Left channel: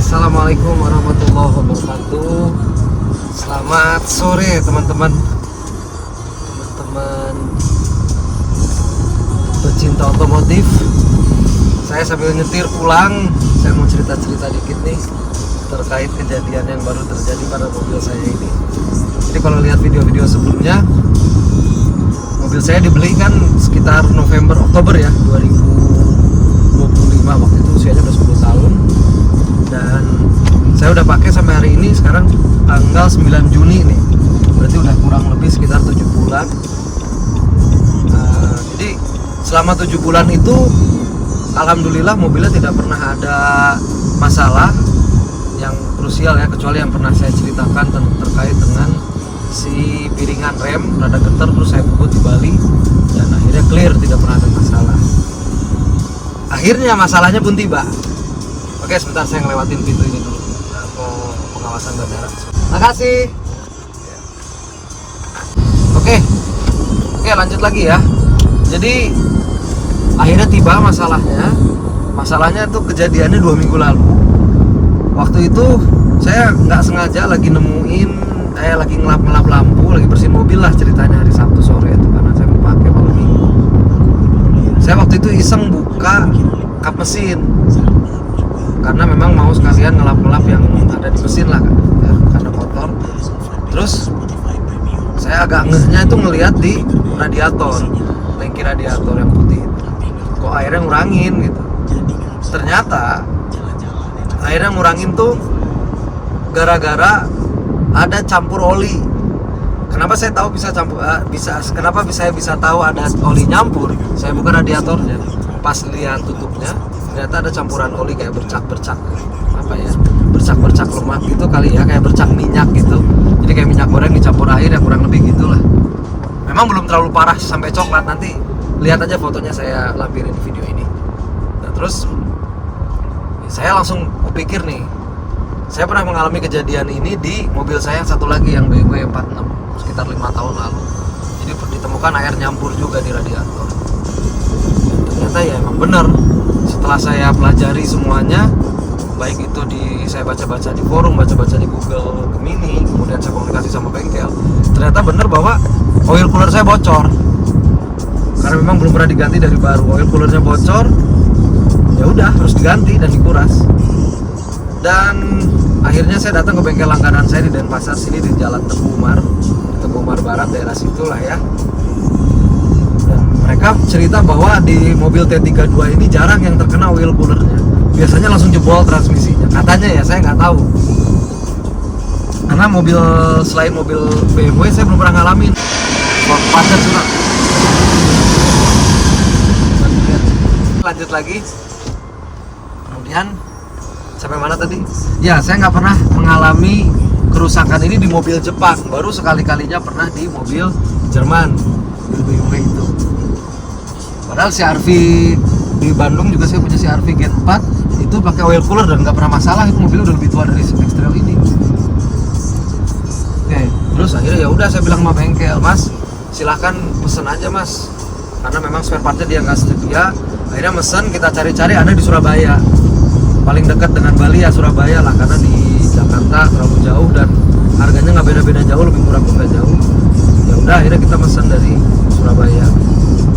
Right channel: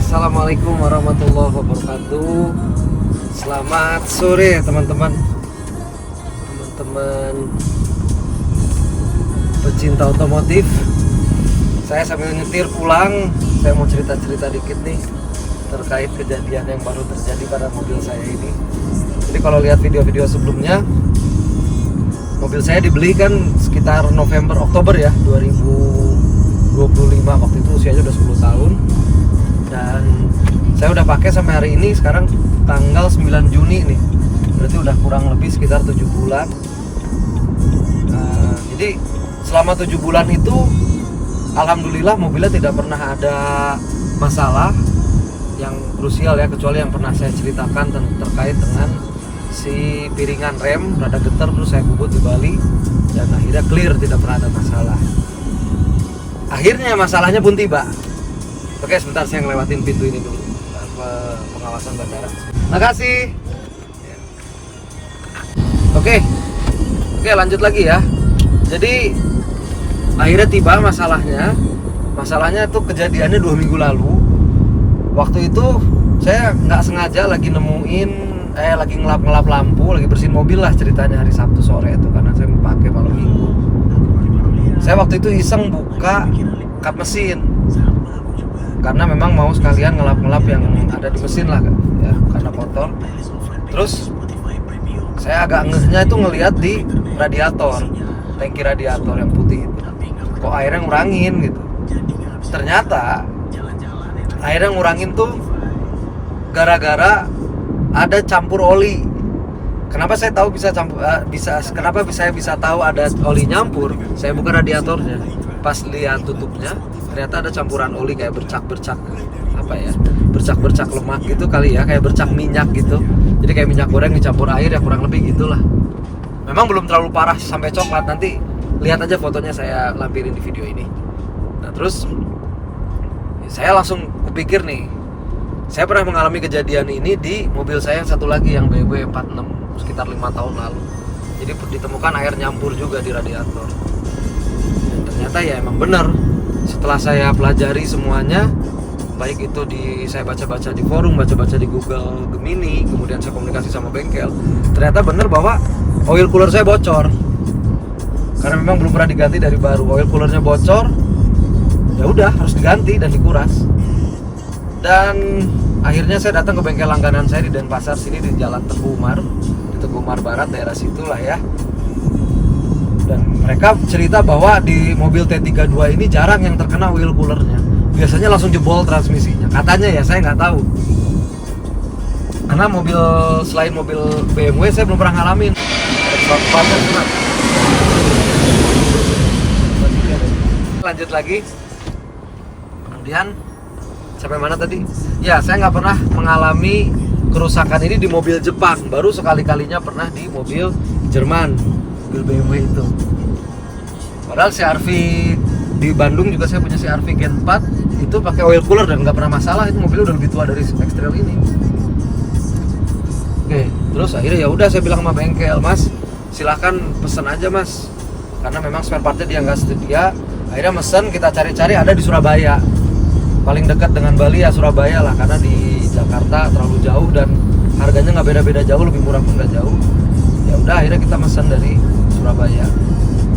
Assalamualaikum warahmatullahi wabarakatuh. Selamat sore teman-teman pecinta otomotif. Saya sambil nyetir pulang, saya mau cerita-cerita dikit nih terkait kejadian yang baru terjadi pada mobil saya ini. Jadi kalau lihat video-video sebelumnya, mobil saya dibeli kan sekitar Oktober ya 2025. Waktu itu usianya udah 10 tahun. Dan saya udah pakai sampai hari ini, sekarang tanggal 9 Juni nih. Berarti udah kurang lebih sekitar 7 bulan. Jadi selama 7 bulan itu alhamdulillah mobilnya tidak pernah ada masalah yang krusial ya, kecuali yang pernah saya ceritakan terkait dengan si piringan rem rada getar, terus saya bubut di Bali dan akhirnya clear, tidak pernah ada masalah. Akhirnya masalahnya pun tiba. Oke, sebentar saya ngelewatin pintu ini dulu, pengawasan bandara. Makasih. Oke, lanjut lagi ya. Jadi akhirnya tiba masalahnya. Masalahnya itu kejadiannya 2 minggu lalu. Waktu itu saya nggak sengaja lagi nemuin, lagi ngelap lampu, lagi bersihin mobil lah ceritanya hari Sabtu sore itu, karena saya mau pakai malam minggu. Saya waktu itu iseng buka kap mesin, karena memang mau sekalian ngelap-ngelap yang ada di mesin lah ya, karena kotor. Terus saya agak ngehnya itu ngelihat di radiator, tangki radiator yang putih itu, kok airnya ngurangin gitu. Ternyata airnya ngurangin tuh gara-gara ada campur oli. Kenapa saya tahu kenapa saya bisa tahu ada oli nyampur? Saya buka radiatornya, pas lihat tutupnya ternyata ada campuran oli kayak bercak-bercak bercak lemak gitu kali ya, kayak bercak minyak gitu. Jadi kayak minyak goreng dicampur air ya, kurang lebih gitulah. Memang belum terlalu parah sampai coklat, nanti lihat aja fotonya saya lampirin di video ini. Nah terus saya langsung kepikir nih, saya pernah mengalami kejadian ini di mobil saya yang satu lagi yang BMW 46 sekitar 5 tahun lalu. Jadi ditemukan air nyampur juga di radiator. Dan ternyata ya emang bener. Setelah saya pelajari semuanya, baik itu saya baca-baca di forum, baca-baca di Google Gemini, kemudian saya komunikasi sama bengkel, ternyata bener bahwa oil cooler saya bocor. Karena memang belum pernah diganti dari baru, oil coolernya bocor, ya udah harus diganti dan dikuras. Dan akhirnya saya datang ke bengkel langganan saya di Denpasar sini, di Jalan Teguh Umar Barat, daerah situlah ya. Dan mereka cerita bahwa di mobil T32 ini jarang yang terkena oil coolernya. Biasanya langsung jebol transmisinya. Katanya ya, saya nggak tahu. Karena selain mobil BMW saya belum pernah ngalamin. Lanjut lagi. Kemudian sampai mana tadi? Ya, saya nggak pernah mengalami kerusakan ini di mobil Jepang. Baru sekali-kalinya pernah di mobil Jerman, mobil BMW itu. Padahal CR-V di Bandung juga saya punya CR-V Gen 4, itu pakai oil cooler dan nggak pernah masalah. Itu mobil udah lebih tua dari X-Trail ini. Oke, terus akhirnya ya udah saya bilang sama bengkel, Mas, silahkan pesen aja Mas, karena memang spare partnya dia nggak sedia. Akhirnya mesen, kita cari-cari ada di Surabaya. Paling dekat dengan Bali ya Surabaya lah, karena di Jakarta terlalu jauh dan harganya nggak beda-beda jauh, lebih murah pun nggak jauh. Ya udah akhirnya kita pesan dari Surabaya.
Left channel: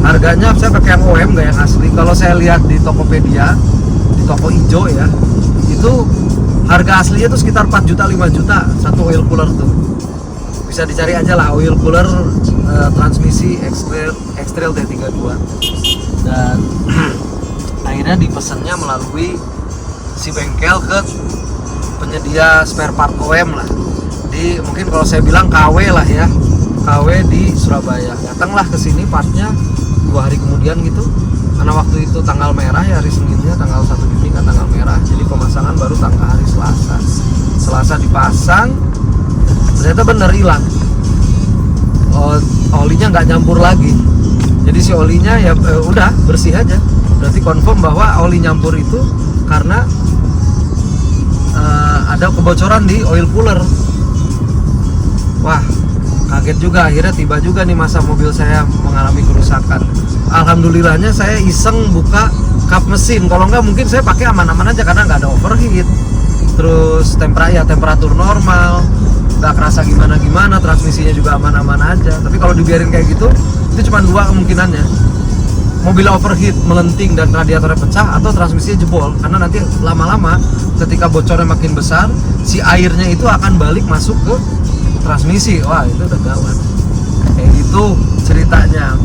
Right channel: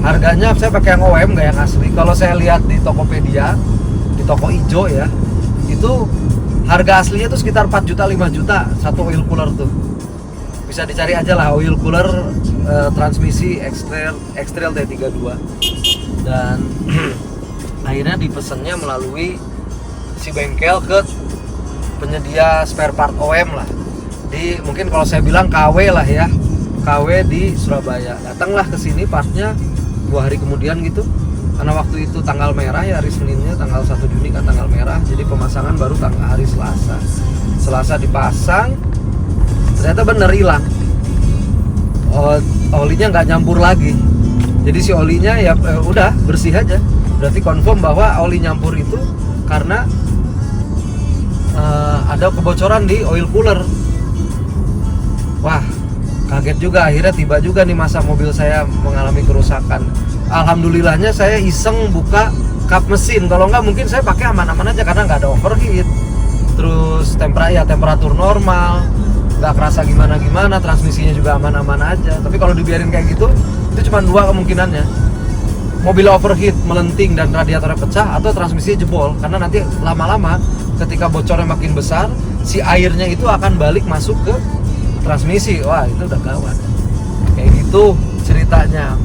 Harganya saya pakai yang OM, nggak yang asli. Kalau saya lihat di Tokopedia, di toko ijo ya, itu harga aslinya tuh sekitar 4 juta 5 juta satu oil cooler tuh. Bisa dicari aja lah oil cooler transmisi X-Trail T32. Dan akhirnya dipesannya melalui si bengkel ke penyedia spare part OM lah, mungkin kalau saya bilang KW lah ya, KW di Surabaya. Datanglah ke sini partnya 2 hari kemudian gitu, karena waktu itu tanggal merah ya, hari Seninnya tanggal 1 Juni kan tanggal merah, jadi pemasangan baru tanggal hari Selasa dipasang, ternyata bener hilang. Olinya nggak nyampur lagi, jadi si olinya ya udah bersih aja. Berarti confirm bahwa oli nyampur itu karena ada kebocoran di oil cooler. Wah, kaget juga. Akhirnya tiba juga nih masa mobil saya mengalami kerusakan. Alhamdulillahnya saya iseng buka kap mesin. Kalau nggak mungkin saya pakai aman-aman aja karena nggak ada overheat. terus temperatur normal, nggak kerasa gimana-gimana, transmisinya juga aman-aman aja. Tapi kalau dibiarin kayak gitu, itu cuma dua kemungkinannya: mobil overheat, melenting dan radiatornya pecah, atau transmisinya jebol. Karena nanti lama-lama ketika bocornya makin besar, si airnya itu akan balik masuk ke transmisi. Wah, itu udah gawat. Kayak gitu ceritanya.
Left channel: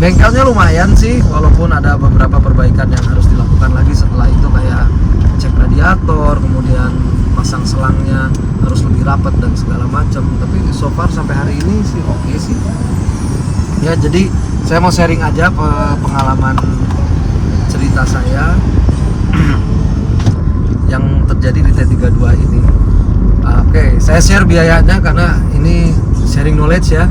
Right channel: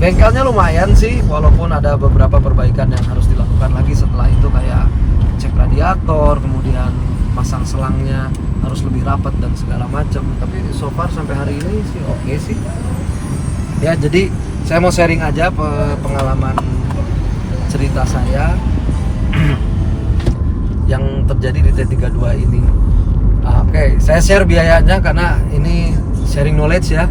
Bengkelnya lumayan sih, walaupun ada beberapa perbaikan yang harus dilakukan lagi setelah itu, kayak cek radiator, kemudian pasang selangnya harus lebih rapat dan segala macam. Tapi so far sampai hari ini sih oke sih. Ya, jadi saya mau sharing aja pengalaman cerita saya yang terjadi di T32 ini. Oke, saya share biayanya karena ini sharing knowledge ya.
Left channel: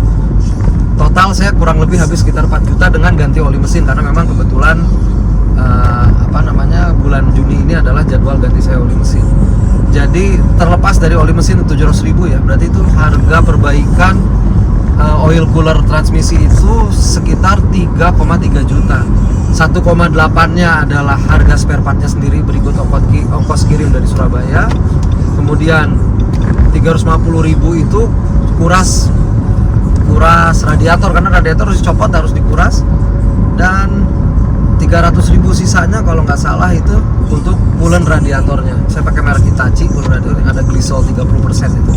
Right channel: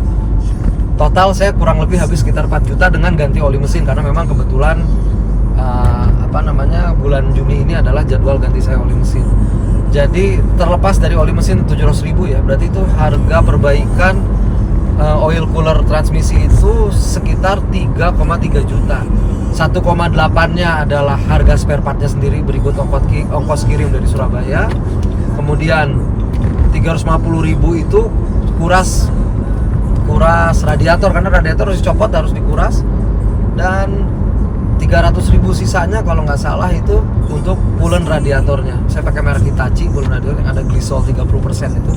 Total saya kurang lebih habis sekitar 4 juta dengan ganti oli mesin, karena memang kebetulan bulan Juni ini adalah jadwal ganti saya oli mesin. Jadi terlepas dari oli mesin 700.000 ya, berarti itu harga perbaikan oil cooler transmisi itu sekitar 3,3 juta. 1,8-nya adalah harga spare partnya sendiri, berikut ongkos kirim dari Surabaya. Kemudian 350.000 itu kuras radiator, karena radiator harus dicopot, harus dikuras. Dan 300.000 sisanya kalau nggak salah itu untuk coolant radiatornya. Saya pakai merek Hitachi coolant radiator yang ada glycol 30% itu.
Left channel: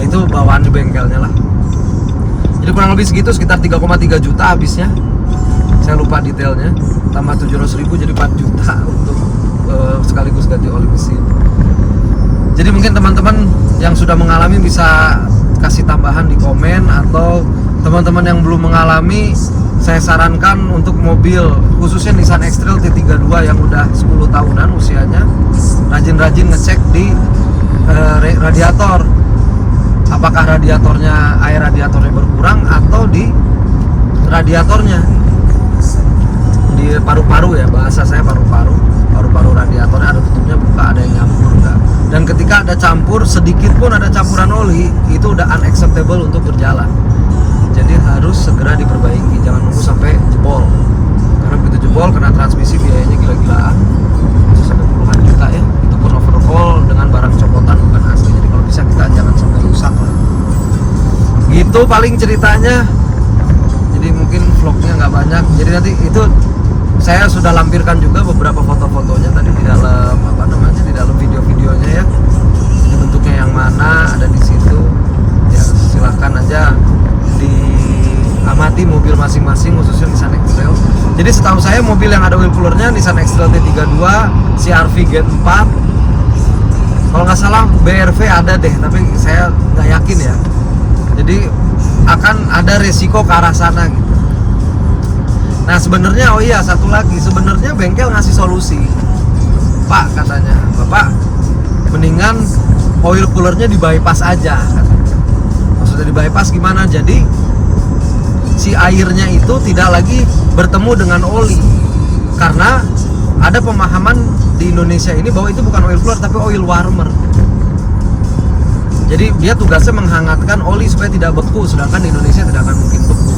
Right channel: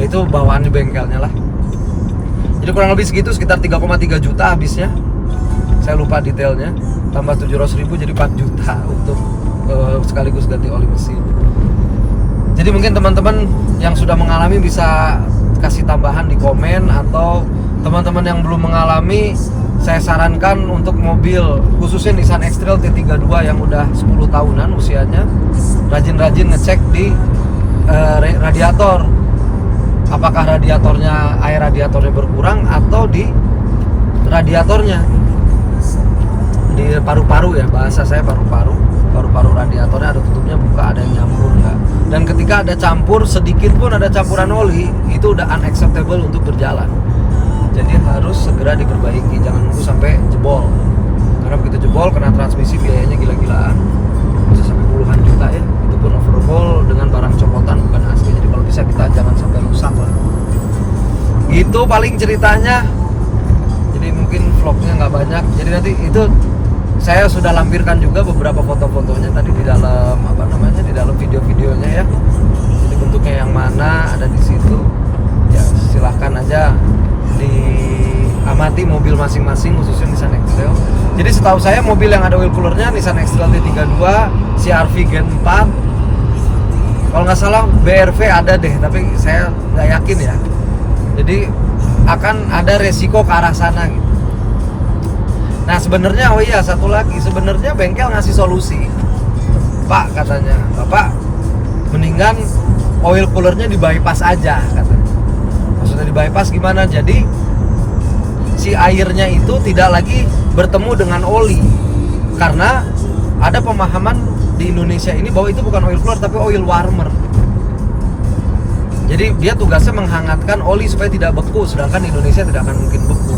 Ya, itu bawaan di bengkelnya lah. Jadi kurang lebih segitu, sekitar 3,3 juta habisnya. Saya lupa detailnya. Tambah 700.000 jadi 4 juta untuk sekaligus ganti oli mesin. Jadi mungkin teman-teman yang sudah mengalami bisa kasih tambahan di komen, atau teman-teman yang belum mengalami, saya sarankan untuk mobil khususnya Nissan X-Trail T32 yang udah 10 tahunan usianya, rajin-rajin ngecek di radiator. Apakah radiatornya, air radiatornya berkurang, atau di radiatornya, di paru-paru ya, bahasa saya paru-paru radiatornya ada tutupnya buka, ada yang nyampur enggak. Dan ketika ada campur, sedikit pun ada campuran oli, itu udah unacceptable untuk berjalan. Jadi harus segera diperbaiki, jangan nunggu sampai jebol. Karena begitu jebol, kena transmisi biayanya gila-gilaan, bisa sampai puluhan juta ya. Itu pun overhaul dengan barang copotan, bukan asli. Jadi kalau bisa kita jangan sampai rusak lah. Gitu paling ceritanya. Jadi mungkin vlognya nggak banyak. Jadi nanti itu saya sudah lampirkan juga beberapa foto-fotonya tadi di dalam di dalam video-videonya ya. Jadi bentuknya yang mana ada di situ. Ya silahkan aja diamati mobil masing-masing, khususnya Nissan X-Trail. Jadi setahu saya mobil yang ada oil coolernya Nissan X-Trail T32, CR-V Gen 4. Kalau nggak salah BRV ada deh, tapi saya nggak yakin ya. Jadi akan ada resiko ke arah sana gitu. Nah sebenarnya, oh iya satu lagi, sebenarnya bengkel ngasih solusi. Pak katanya, Bapak mendingan oil coolernya di bypass aja katanya. Maksudnya di bypass gimana? Jadi si airnya itu tidak lagi bertemu dengan oli. Karena ada pemahaman di Indonesia ini bahwa itu bukan oil cooler tapi oil warmer. Jadi dia tugasnya menghangatkan oli supaya tidak beku, sedangkan di Indonesia tidak akan mungkin beku.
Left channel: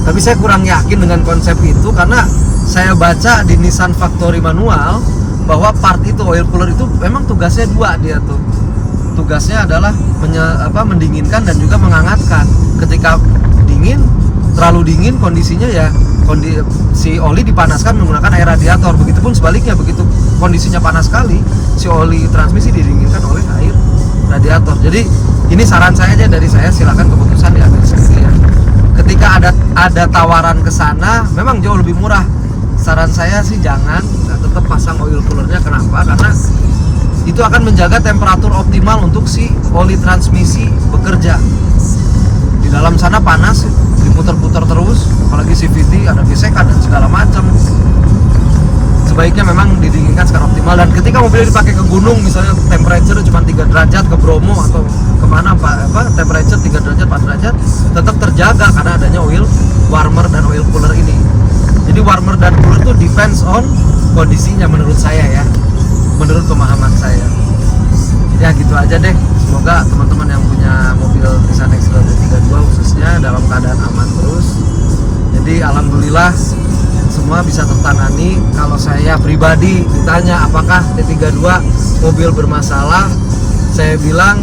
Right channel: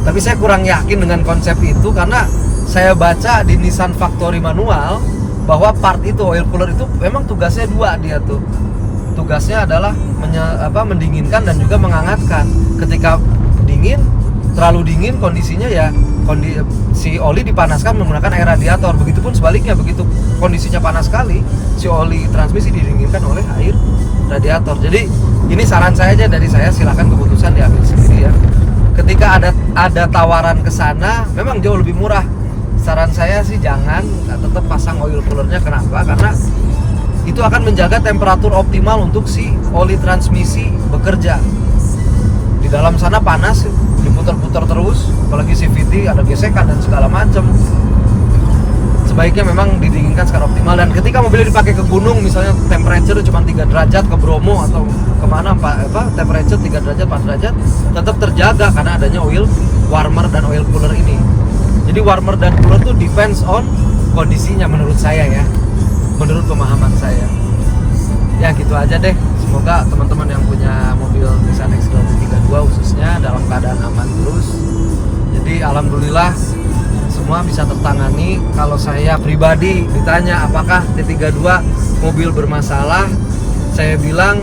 Tapi saya kurang yakin dengan konsep itu, karena saya baca di Nissan Factory Manual bahwa part itu oil cooler itu memang tugasnya dua dia tuh. Tugasnya adalah mendinginkan dan juga menghangatkan. Ketika dingin, terlalu dingin kondisinya ya, si oli dipanaskan menggunakan air radiator. Begitupun sebaliknya, begitu kondisinya panas sekali, si oli transmisi didinginkan oleh air radiator. Jadi ini saran saya aja dari saya, silakan keputusan diambil sendiri ya. Ketika ada tawaran ke sana, memang jauh lebih murah. Saran saya sih jangan, tetap pasang oil coolernya. Kenapa? Karena itu akan menjaga temperatur optimal untuk si oli transmisi bekerja. Di dalam sana panas, diputar-putar terus, apalagi CVT ada gesekan dan segala macam. Sebaiknya memang didinginkan secara optimal. Dan ketika mobilnya dipakai ke gunung, misalnya temperature cuma 3 derajat, ke Bromo atau kemana temperature 3 derajat, 4 derajat, tetap terjaga karena adanya oil warmer dan oil cooler ini. Jadi warmer dan cooler itu depends on kondisinya menurut saya ya, menurut pemahaman saya. Ya gitu aja deh. Semoga teman-teman yang punya mobil Nissan X-Trail T32 khususnya dalam keadaan aman terus. Jadi alhamdulillah semua bisa tertangani. Kalau saya pribadi ditanya apakah T32 mobil bermasalah, saya bilang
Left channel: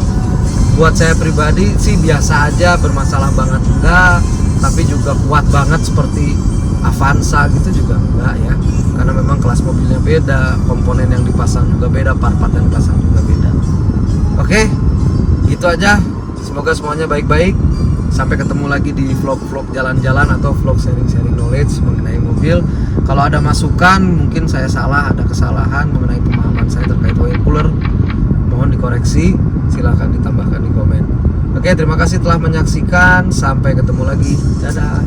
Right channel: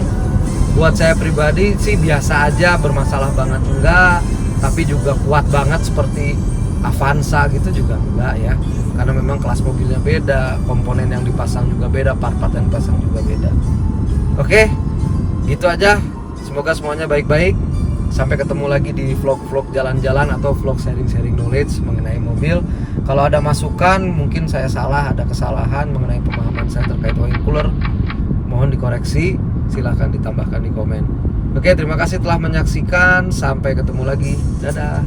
buat saya pribadi sih biasa aja, bermasalah banget enggak, tapi juga kuat banget seperti Avanza gitu juga enggak ya, karena memang kelas mobilnya beda, komponen yang dipasang juga beda, part-part yang dipasang juga beda. Oke, itu aja. Semoga semuanya baik-baik. Sampai ketemu lagi di vlog-vlog jalan-jalan atau vlog sharing-sharing knowledge mengenai mobil. Kalau ada masukan, mungkin saya salah, ada kesalahan mengenai pemahaman saya terkait oil cooler, mohon dikoreksi, silahkan ditambahkan di komen. Oke, terima kasih telah menyaksikan. Sampai ketemu lagi. Dadah.